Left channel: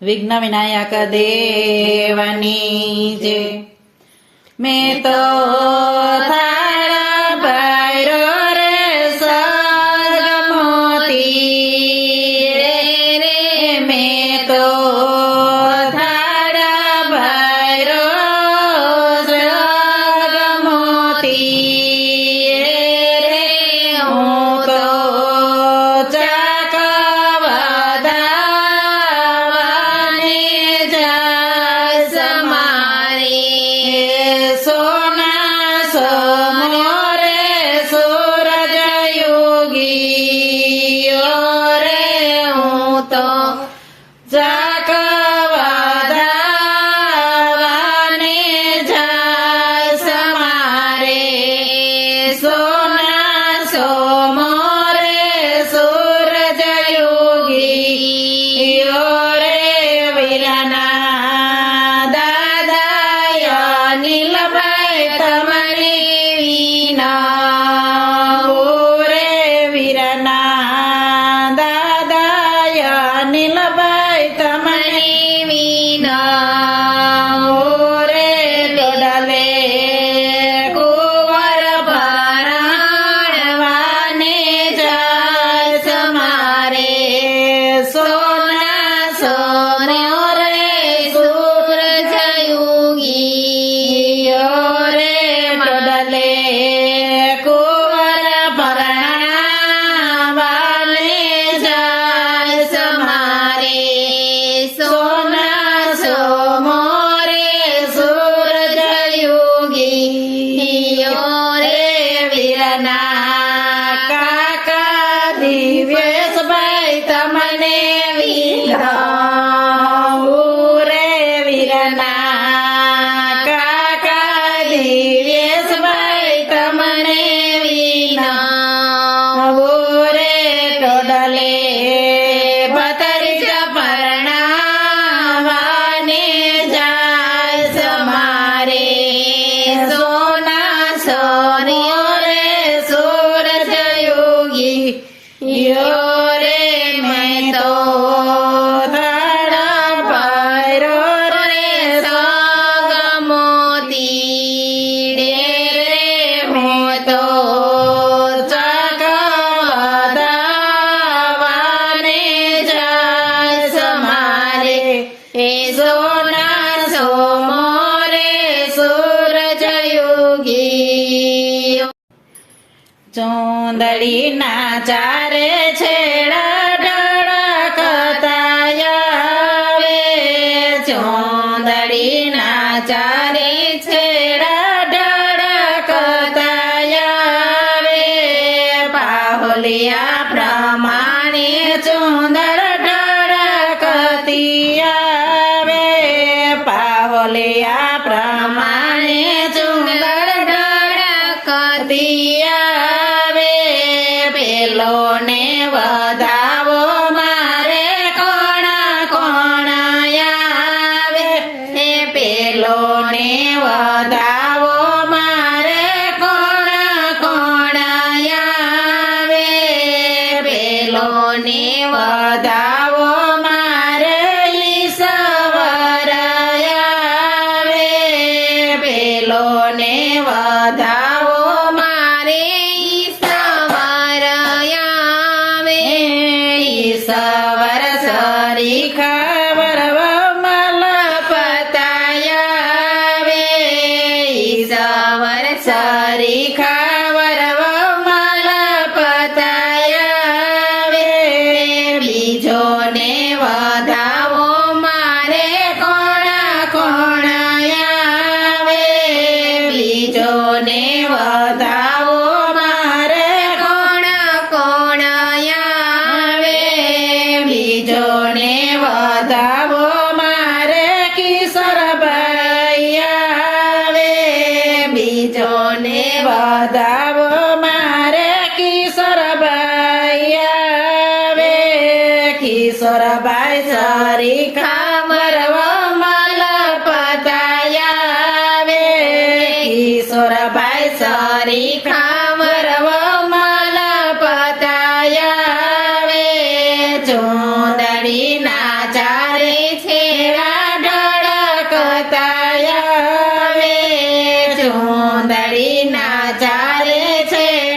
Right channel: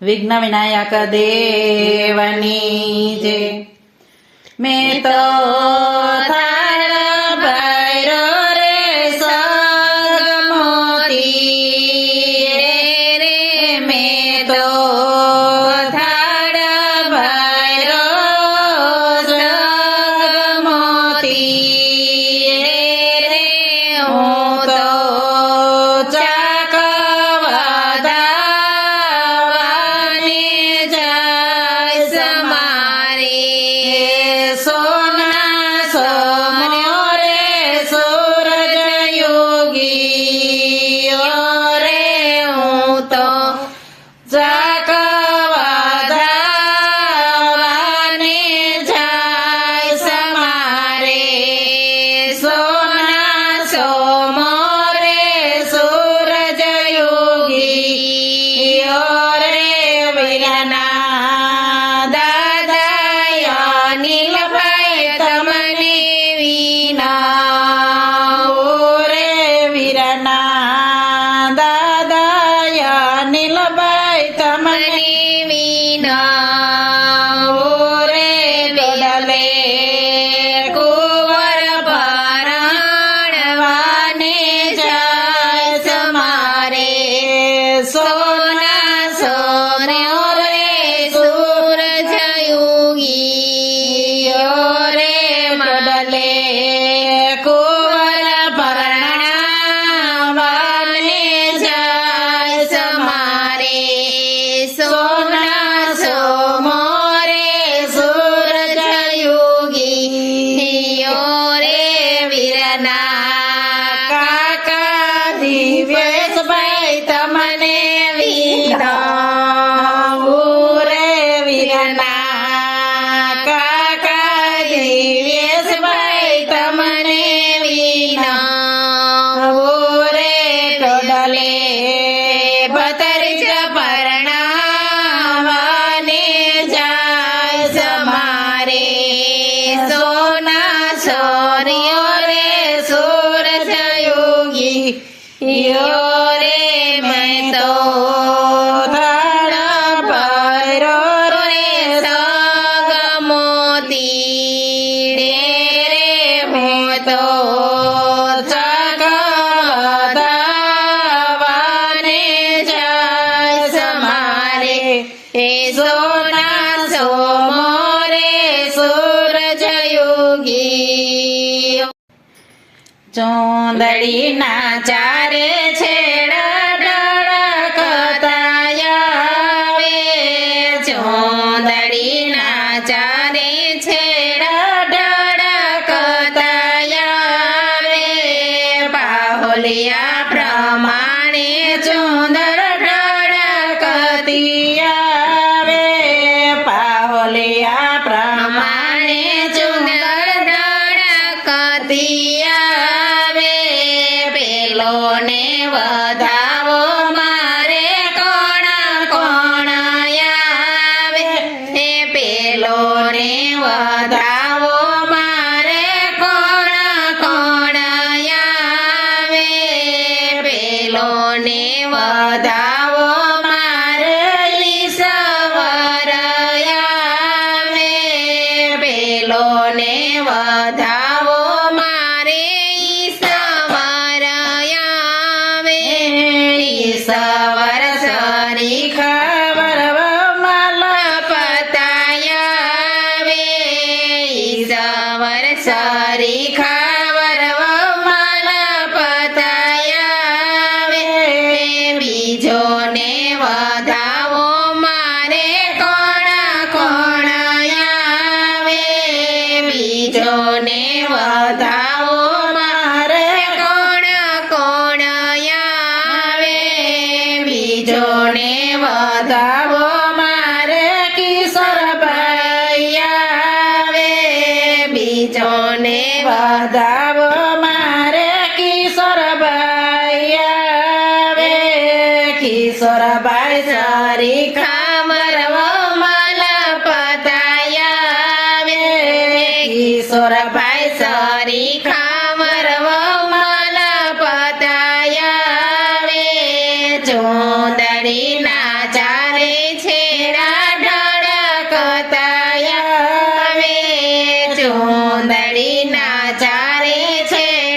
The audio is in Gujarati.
વિઘ્ન વિનાયક દેવની જય. મેં તો થાળ ભર્યો રે સગમોતી રે, મેં તો થાળ ભર્યો સગમોતી રે, હું તો ચોંદડીના ચારે છેડા ઢળકતા આવે, ચોંદડીના ચારે છેડા ઢળકતા આવે, બાહોલિયા પ્રમાણે ચોંદડ ઢળકતી આવે, બાહોલિયા પ્રમાણે ચોંદડ ઢળકતી ને વધાવો મારે કોણ કોણ આવે, પેલો ને વધાવો મારે કોણ કોણ આવે, પેલો ને વધાવો મારે ઈશ્વર આવે, પેલો ને વધાવો મારે સવર સરી ખબર મલપતાયાવે, સવર સરી ખબર મલપતાયાવે, બીજો ને વધાવો મારે કોણ કોણ આવે, બીજો ને વધાવો મારે કોણ કોણ બીજોને વધાવો મારે કિશોરભાઈ આવે, બીજોને વધાવો મારે કિશોરભાઈ આવે, કિશોરભાઈ સરી ખબર મલપતાયાવે, કિશોરભાઈ સરી ખબર મલપતાયાવે, ચોંદડીના ચારે બતાય હવે ચુંદડીના ચારે છે